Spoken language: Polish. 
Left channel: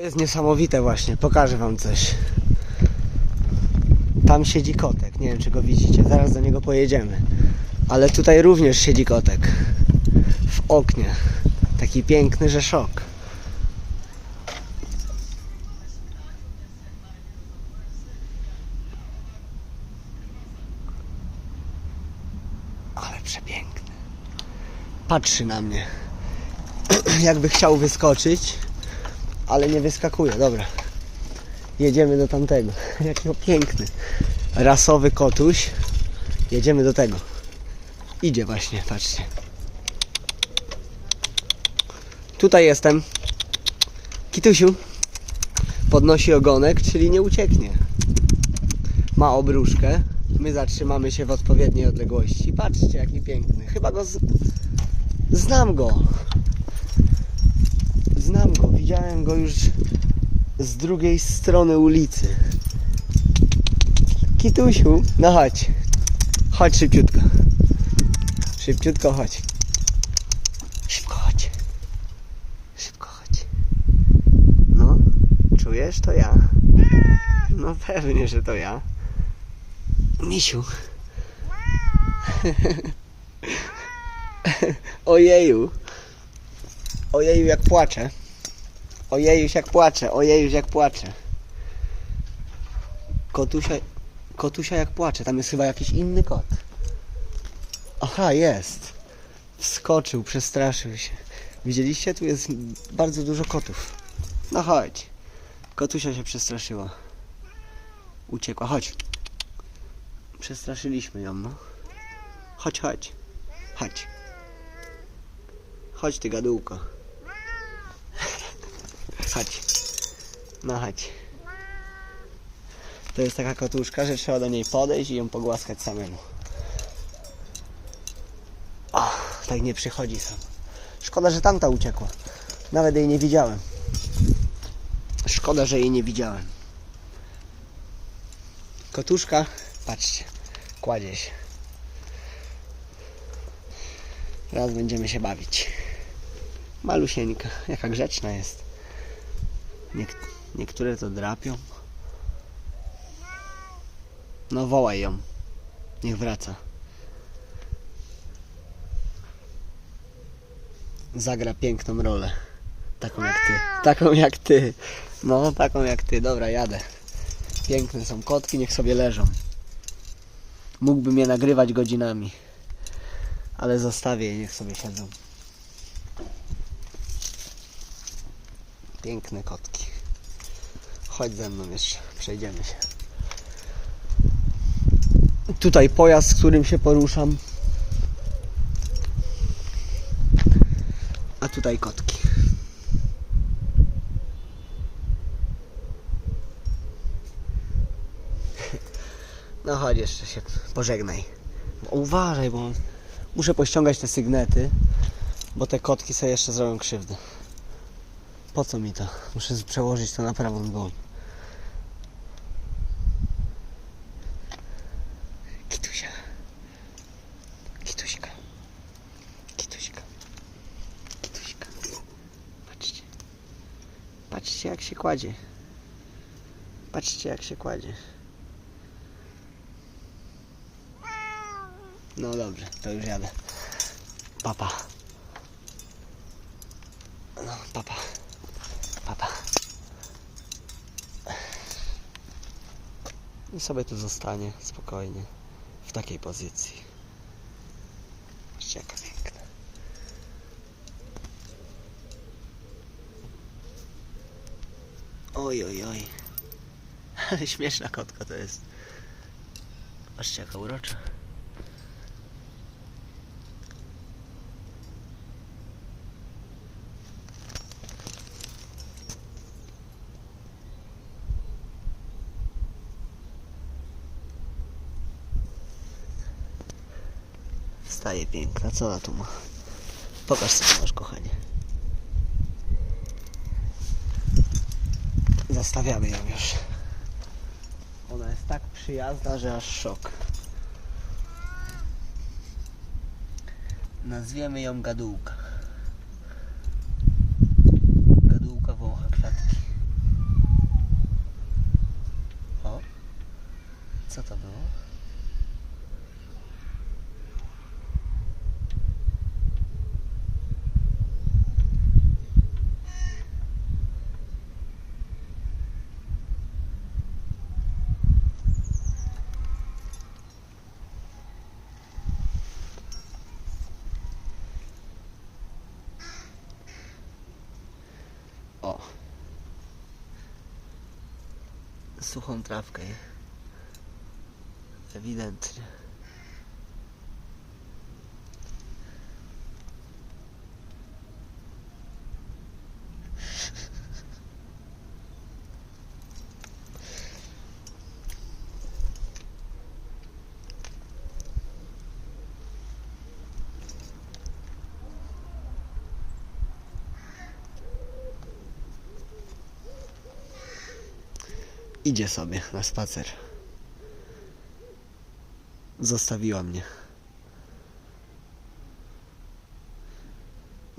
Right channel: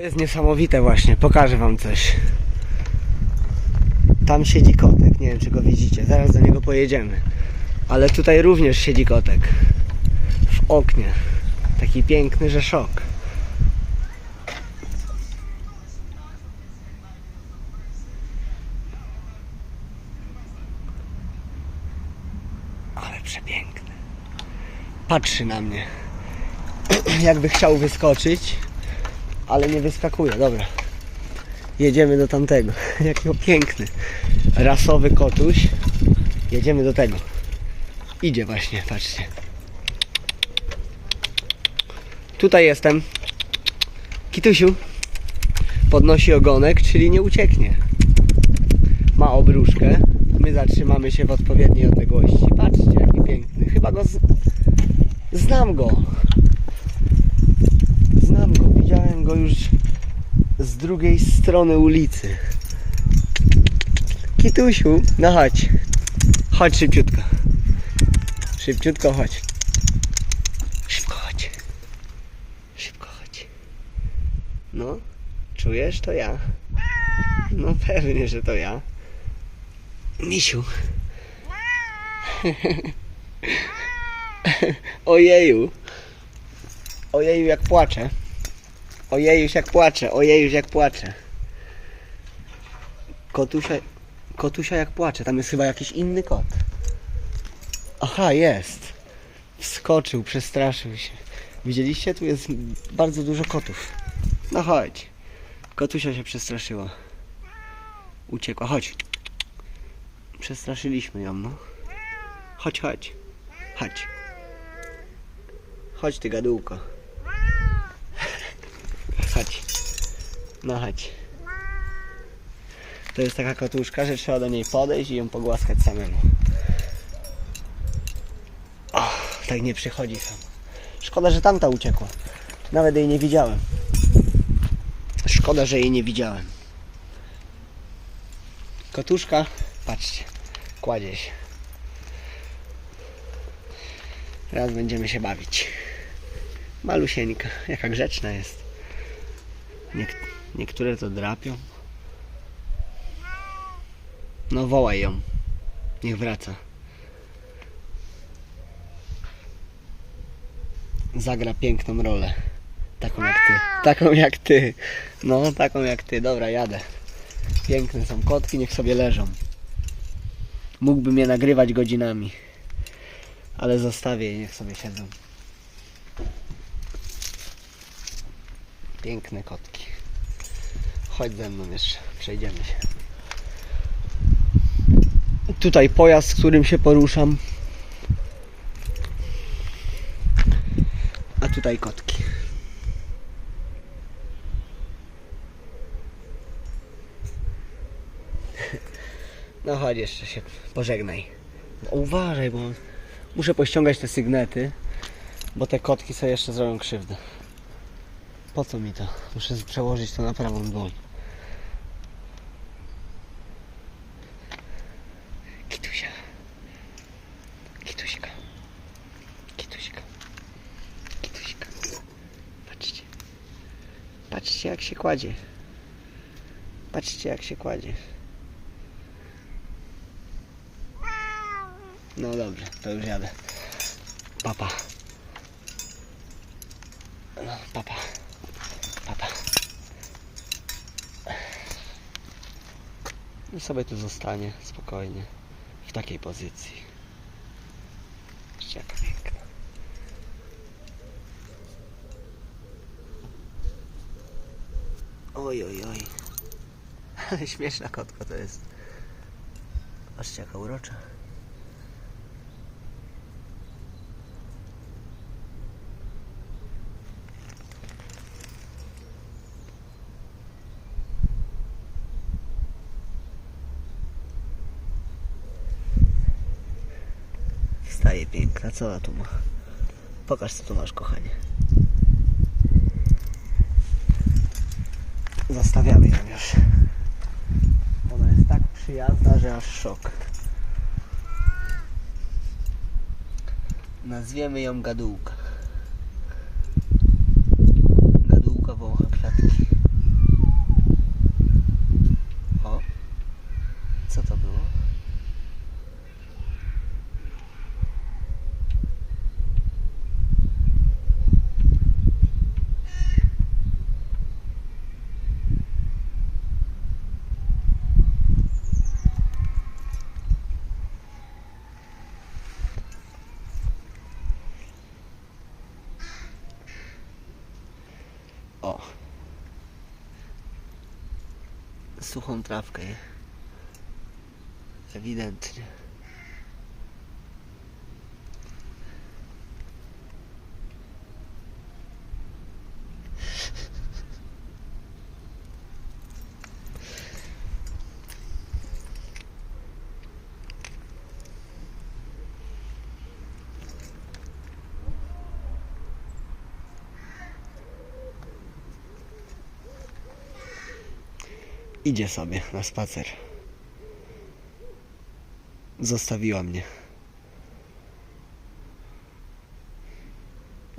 jest niesamowite właśnie, pokażę wam coś. Tam siedzi kotek, nie wiem czy go widzicie, zaraz do niego pojedziemy. Ale tutaj również siedzi kotek. W oknie. Taki piękny, że szok. Ale przepiękny. Patrzy na mnie. Jakby chciał wyskoczyć, ale nie wyskakuje. Dobra. Jedziemy do tamtego. Jakiego piękny. Rasowy kotuś. Jedziemy do tego. Idzie właśnie, patrzcie. Tutaj jestem. Kitusiu. Podnosi ogonek, czyli nie ucieknie. Ma obruszkę. My zatrzymamy się w odpowiedniej odległości. Patrzcie, jaki piękny. Chyba go z... znam go. Widziałem go już z drugiej strony ulicy. Kitusiu, no chodź. Chodź szybciutko. Szybciutko chodź. Szybko chodź. Szybko chodź. No, czujesz? To ja. No pewnie, że to ja. Misiu. Ojeju. Ojeju jak płacze. Ojejuś jak płacze, ojejuś jak płacze. Kotusia, kotusia jak płacze. Tam jest chyba jakiś inny kot. Aha, jest. Wskoczył, przestraszył się. Widzieliście? Tu jest bardzo dużo kotów. No chodź. Kotusia się przestraszyła. Uciekła. Chodź. Przestraszyliśmy ją, no. Chodź, chodź. Chodź. Chodź ty gadułko. No chodź. To jest taka kotuszka, że trzeba do niej podejść i ją pogłaskać samemu. O, tak nie przychodzi sam. Szkoda, że tamta uciekła. Nawet jej nie widziałem. Szkoda, że jej nie widziałem. Kotuszka, patrzcie, kładzie się. Teraz będziemy się bawić. Malusieńka, jaka grzeczna jest. Niek- niektóre to drapią. No wołaj ją. Niech wraca. Zagra piękną rolę. Taką jak ty. Taką jak ty. No, taką jak ty. Dobra, jadę. Piękne są kotki, niech sobie leżą. Mógłbym je nagrywać godzinami. Ale zostawię je, niech sobie siedzą. Piękne kotki. Chodź ze mną jeszcze, przejdziemy się. Tutaj pojazd, którym się poruszam. A tutaj kotki. No chodź jeszcze się pożegnaj. Uważaj, bo muszę pościągać te sygnety, bo te kotki sobie jeszcze zrobią krzywdę. Po co mi to? Muszę przełożyć to na prawą dłoń. Kitusia. Kituśka. Kituśka. Kituśka. Patrzcie. Patrzcie jak się kładzie. Patrzcie jak się kładzie. No dobrze, to już jadę. Papa. No, papa. I sobie tu zostanie spokojnie. W takiej pozycji. Patrzcie jaka. Oj, oj, oj. Śmieszna kotka to jest. Patrzcie jaka urocza. staje piękna. Co ona tu ma? Pokaż co tu masz, kochanie. Zastawiamy ją już. Ona jest tak przyjazna, że aż szok. Nazwiemy ją gadułka. Gadułka wącha kwiatki. O! Co to było? O. Suchą trawkę. Ewidentnie. Idzie sobie na spacer. Zostawiła mnie.